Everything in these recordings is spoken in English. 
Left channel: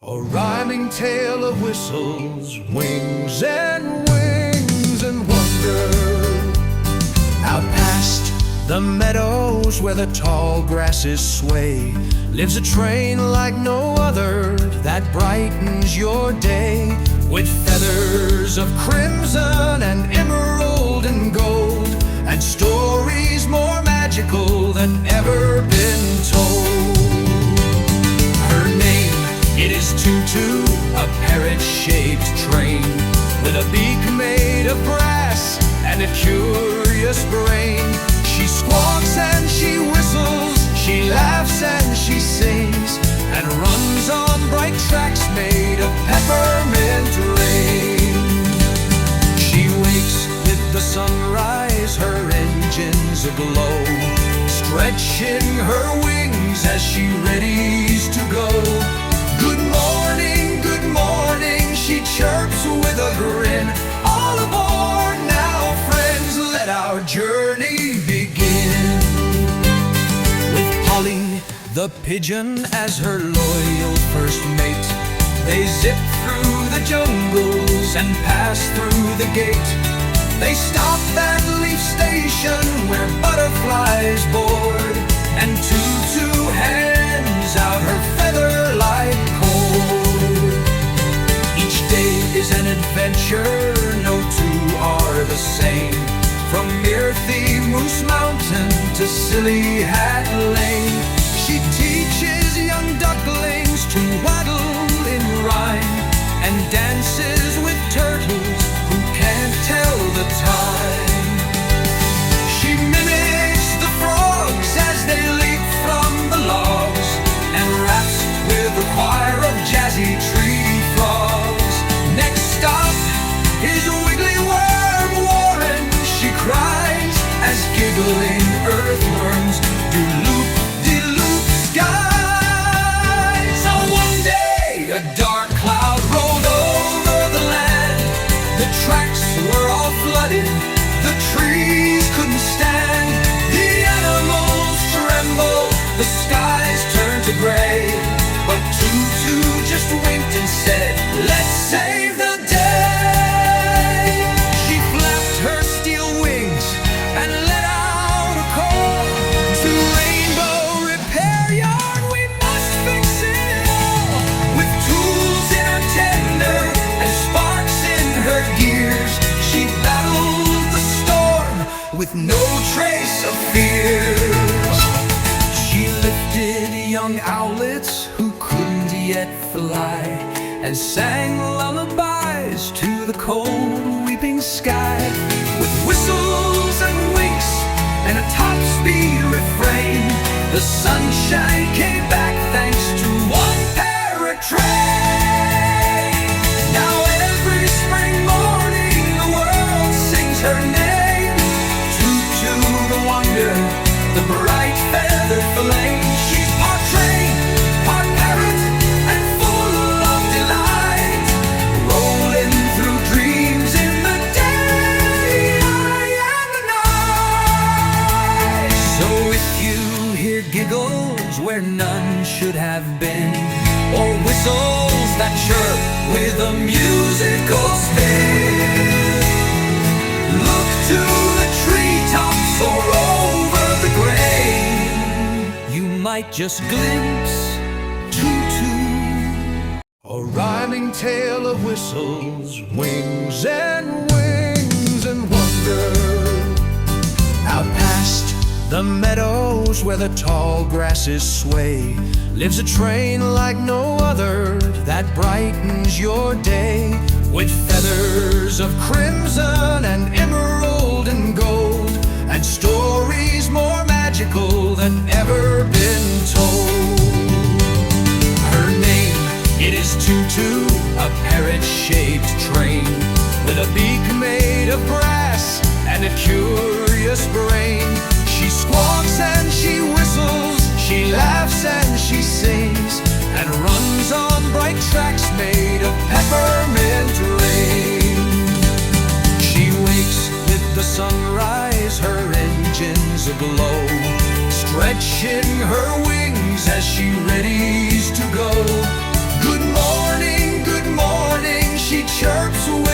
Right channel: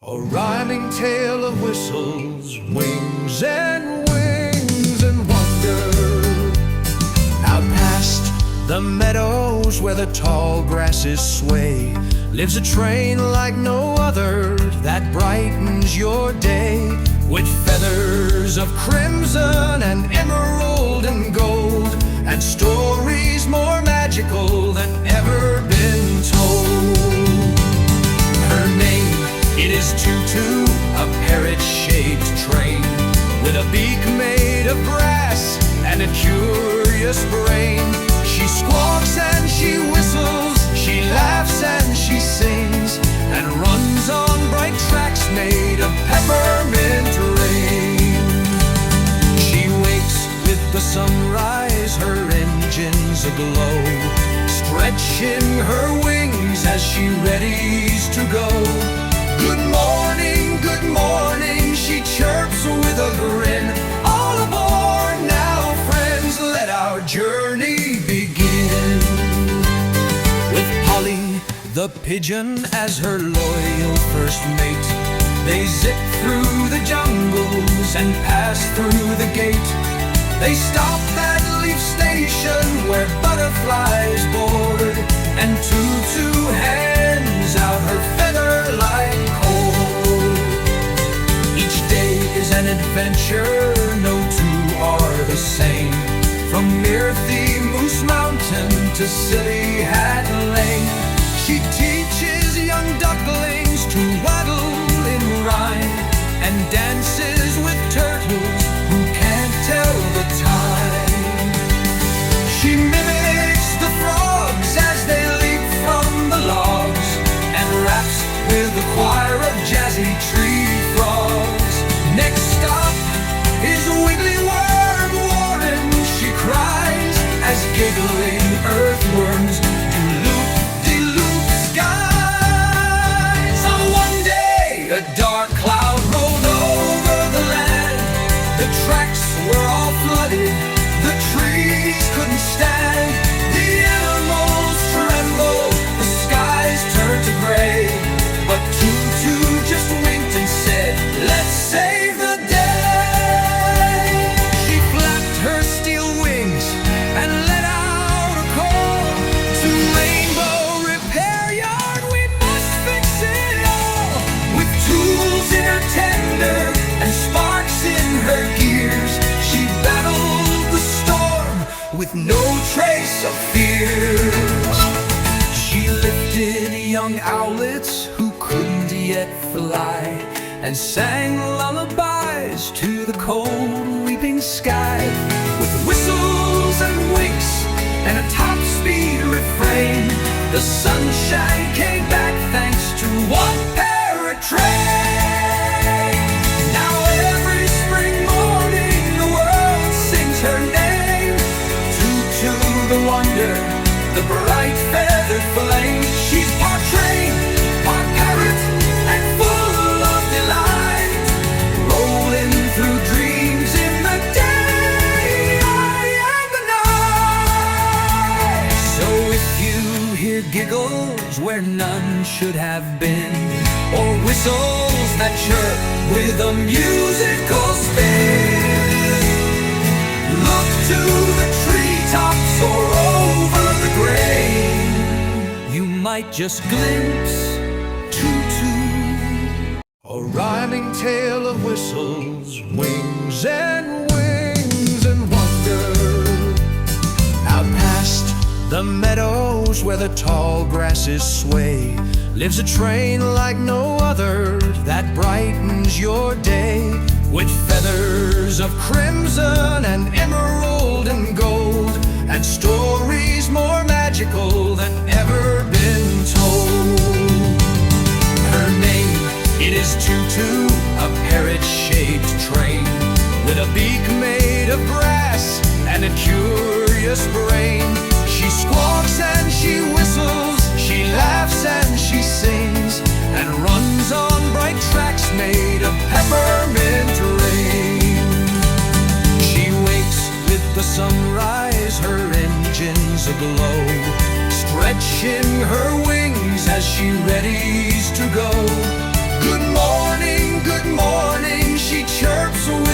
A rhyming tale of whistles, wings and wonder. Out past the meadows where the tall grasses sway lives a train like no other that brightens your day, with feathers of crimson and emerald and gold, and stories more magical than ever been told. Her name, it is Tootoo, a parrot-shaped train with a beak made of brass and a curious brain. She squawks and she whistles, she laughs and she sings, and runs on bright tracks made of peppermint rain. She wakes with the sunrise, her engines aglow, stretching her wings as she readies to go. Good morning, she chirps with a grin. All aboard now, friends, let our journey begin. With Polly, the pigeon, as her loyal first mate, they zip through the jungles and pass through the gate. They stop at Leaf Station where butterflies board, and Tootoo hands out her feather-light cord. Each day is an adventure, no two are the same, from Myrthy Moose Mountain to Silly Hat Lane. She teaches young ducklings to waddle in rhyme, and dances with turtles who can't tell the time. She mimics the frogs as they leap from the logs, and raps with a choir of jazzy tree frogs. Next stop is Wiggly Worm Warren, she cries, as giggling earthworms do loop-de-loop skies. So one day a dark cloud rolled over the land. The tracks were all flooded, the trees couldn't stand. The animals trembled, the skies turned to gray, but Tootoo just winked and said, "Let's save the day." She flapped her steel wings and let out a call to Rainbow Repair Yard. We must fix it all. With tools in her tender and sparks in her gears, she battled the storm with no trace of fear. She lifted young owlets who couldn't yet fly, and sang lullabies to the cold weeping sky. With whistles and winks and a top-speed refrain, the sunshine came back thanks to one parrot train. Now every spring morning the world sings her name. Tootoo the wonder, the bright feathered flame. She's part train, part parrot, and full of delight, rolling through dreams in the day and the night. So if you hear giggles where none should have been, or whistles that chirp with a musical spin, look to the treetops or over the grain. You might just glimpse Tootoo. A rhyming tale of whistles, wings and wonder. Out past the meadows where the tall grasses sway lives a train like no other that brightens your day, with feathers of crimson and emerald and gold, and stories more magical than ever been told. Her name, it is Tootoo, a parrot-shaped train with a beak made of brass and a curious brain. She squawks and she whistles, she laughs and she sings, and runs on bright tracks made of peppermint rain. She wakes with the sunrise, her engines aglow, stretching her wings as she readies to go. Good morning.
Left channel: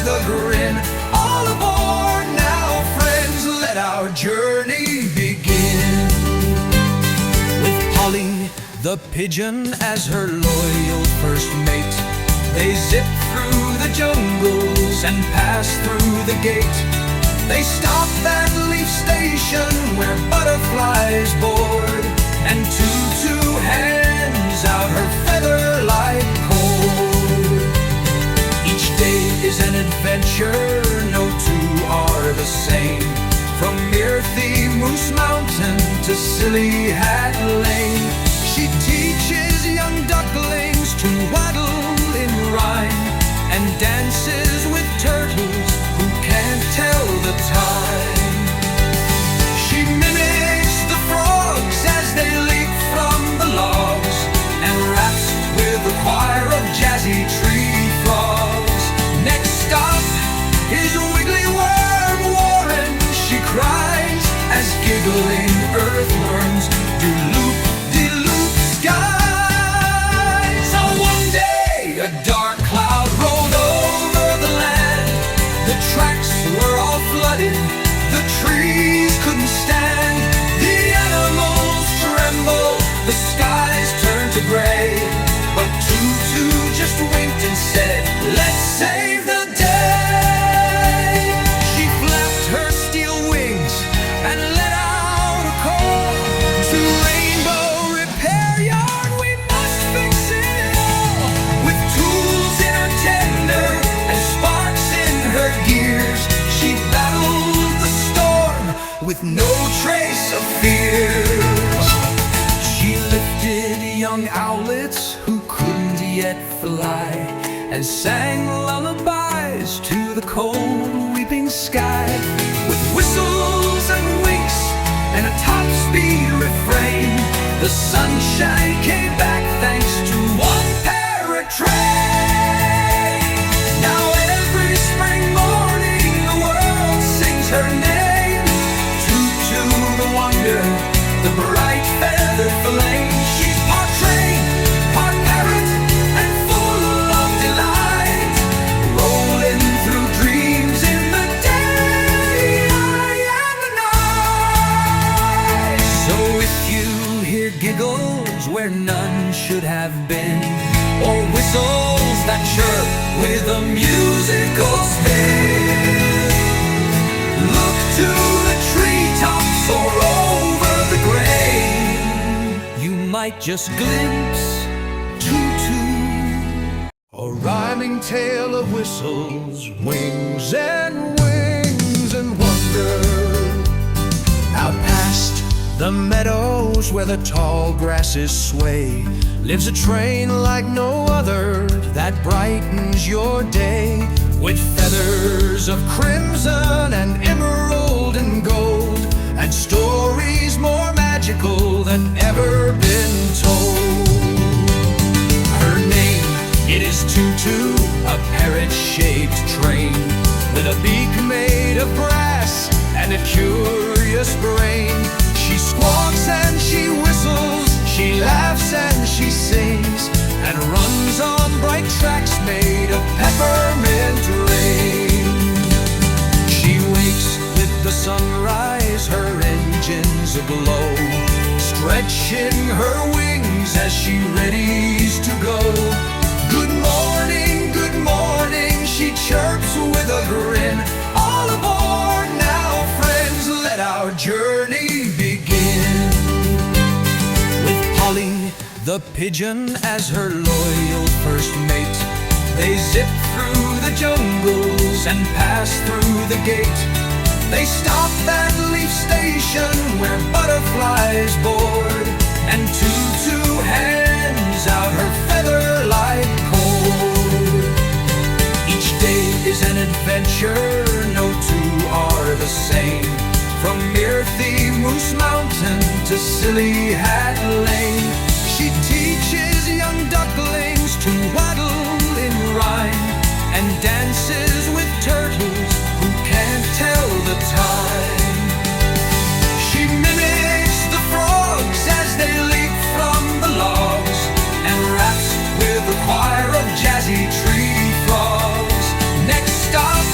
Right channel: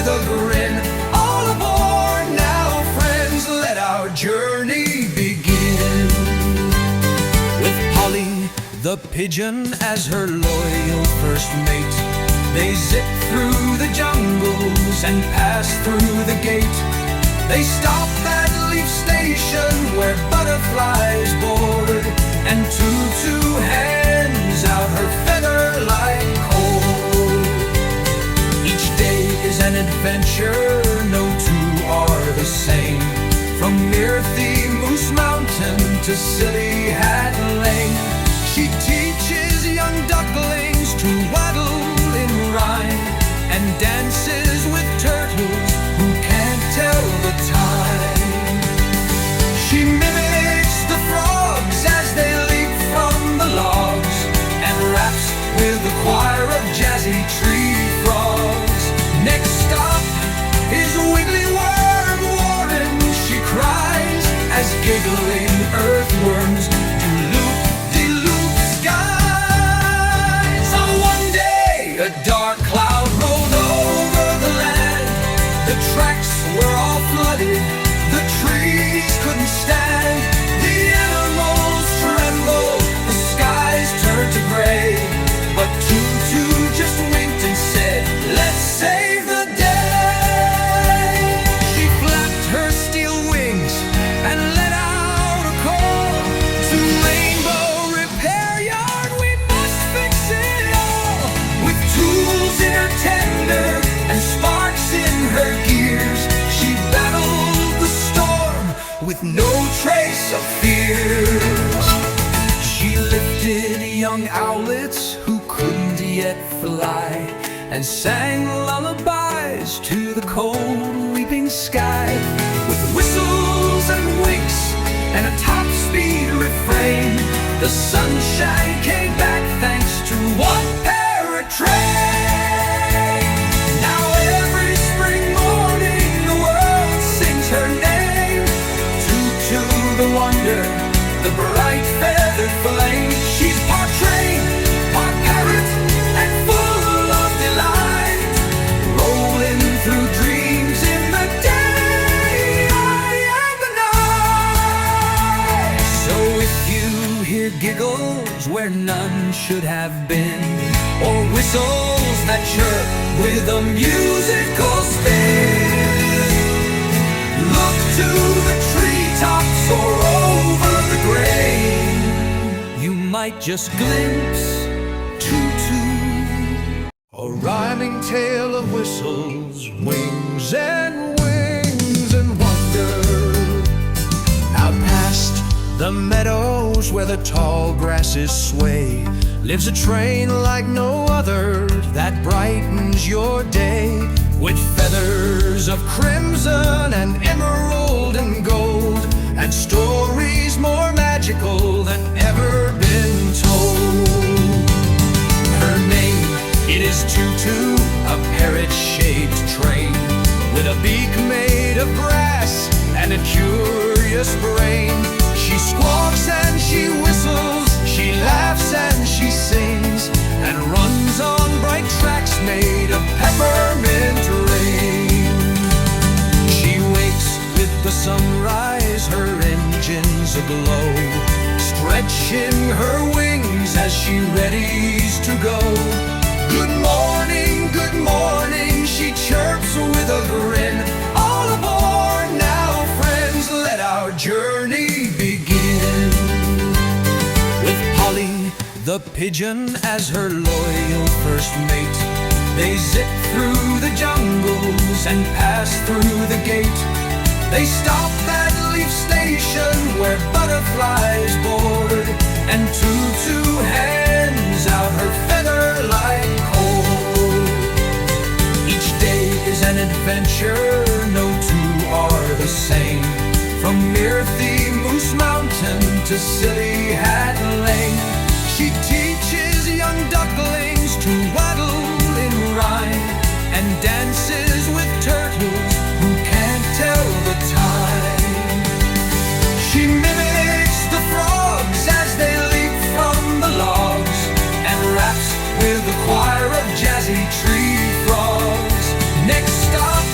with a grin. All aboard now, friends, let our journey begin. With Polly the pigeon as her loyal first mate, they zip through the jungles and pass through the gate. They stop at Leaf Station where butterflies board, and Tootoo hands out her feather-light cord. Each day is an adventure, no two are the same. From Myrthy Moose Mountain to Silly Hat Lane, she teaches young ducklings to waddle in rhyme, and dances with turtles who can't tell the time. She mimics the frogs as they leap from the logs, and raps with a choir of jazzy tree frogs. Next stop is Wiggly Worm Warren. She cries as giggling earthworms do loop-de-loop skies. So one day a dark cloud rolled over the land. The tracks were all flooded, the trees couldn't stand. The animals trembled, the skies turned to gray. But Tootoo just winked and said, "Let's save the day." She flapped her steel wings and let out a call to Rainbow Repair Yard. We must fix it all. With tools in her tender and sparks in her gears, she battled the storm with no trace of fear. She lifted young owlets who couldn't yet fly, and sang lullabies to the cold weeping sky. With whistles and winks and a top-speed refrain, the sunshine came back thanks to one parrot train. Now every spring morning the world sings her name. Tootoo the wonder, the bright feathered flame. She's part train, part parrot, and full of delight, rolling through dreams in the day and the night. So if you hear giggles where none should have been, or whistles that chirp with a musical spin, look to the treetops or over the grain. You might just glimpse Tootoo. A rhyming tale of whistles, wings and wings and wonder. Out past the meadows where the tall grasses sway, lives a train like no other that brightens your day. With feathers of crimson and emerald and gold, and stories more magical than ever been told. Her name, it is Tootoo, a parrot-shaped train, with a beak made of brass and a curious brain. She squawks and she whistles, she laughs and she sings, and runs on bright tracks made of peppermint rain. She wakes with the sunrise, her engines aglow, stretching her wings as she readies to go. Good morning, she chirps with a grin. All aboard now, friends, let our journey begin. With Polly the pigeon as her loyal first mate, they zip through the jungles and pass through the gate. They stop at Leaf Station where butterflies board, and Tootoo hands out her feather-light cord. Each day is an adventure, no two are the same. From Myrthy Moose Mountain to Silly Hat Lane, she teaches young ducklings to waddle in rhyme, and dances with turtles who can't tell the time. She mimics the frogs as they leap from the logs, and raps with a choir of jazzy tree frogs. Next stop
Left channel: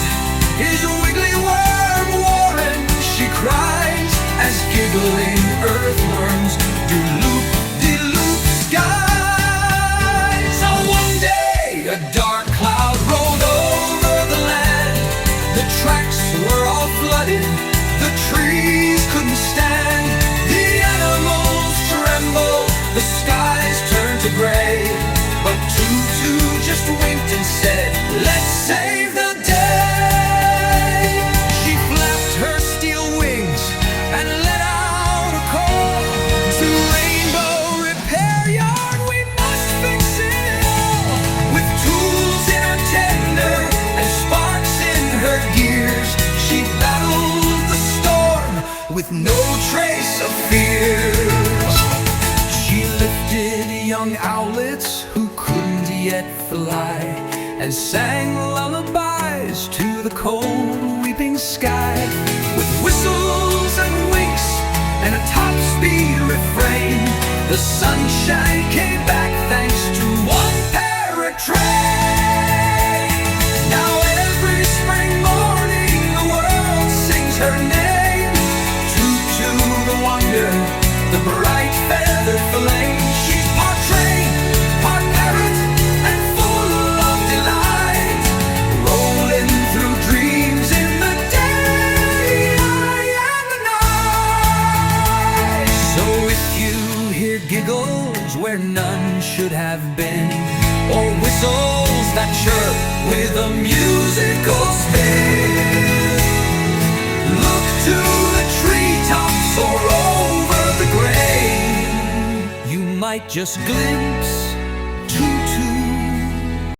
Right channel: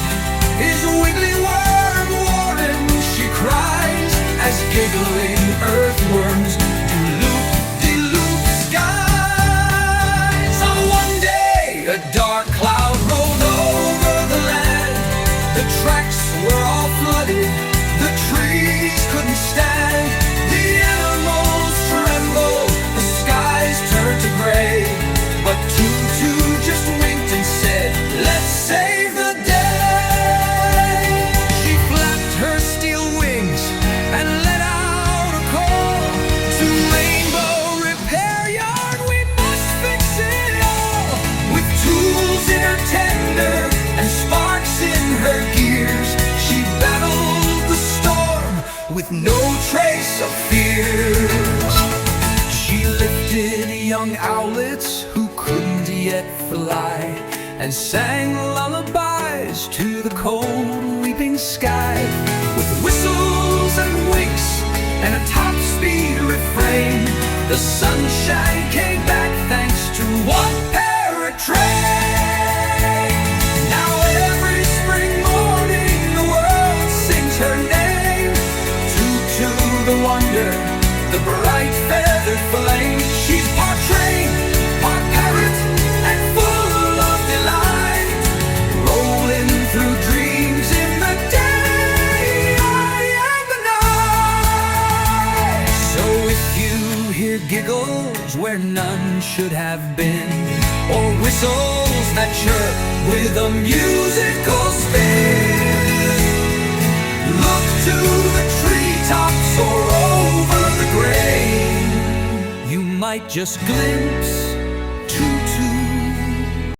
his wiggly worm warren. She cries as giggling earthworms do loop-de-loop skies. So one day a dark cloud rolled over the land. The tracks were all flooded, the trees couldn't stand, the animals trembled, the skies turned to gray. But Tootoo just winked and said, let's save the day. She flapped her steel wings and let out a call to Rainbow Repair Yard. We must fix it all. With tools in her tender and sparks in her gears, she battled the storm with no trace of fears. She lifted young owlets who couldn't yet fly, and sang lullabies to the cold weeping sky. With whistles and winks and a top-speed refrain, the sunshine came back thanks to one parrot train. Now every spring morning the world sings her name. Tootoo the wonder, the bright feathered flame. She's part train, part parrot, and full of delight, rolling through dreams in the day and the night. So if you hear giggles where none should have been, or whistles that chirp with a musical spin, look to the treetops or over the grain. You might just glimpse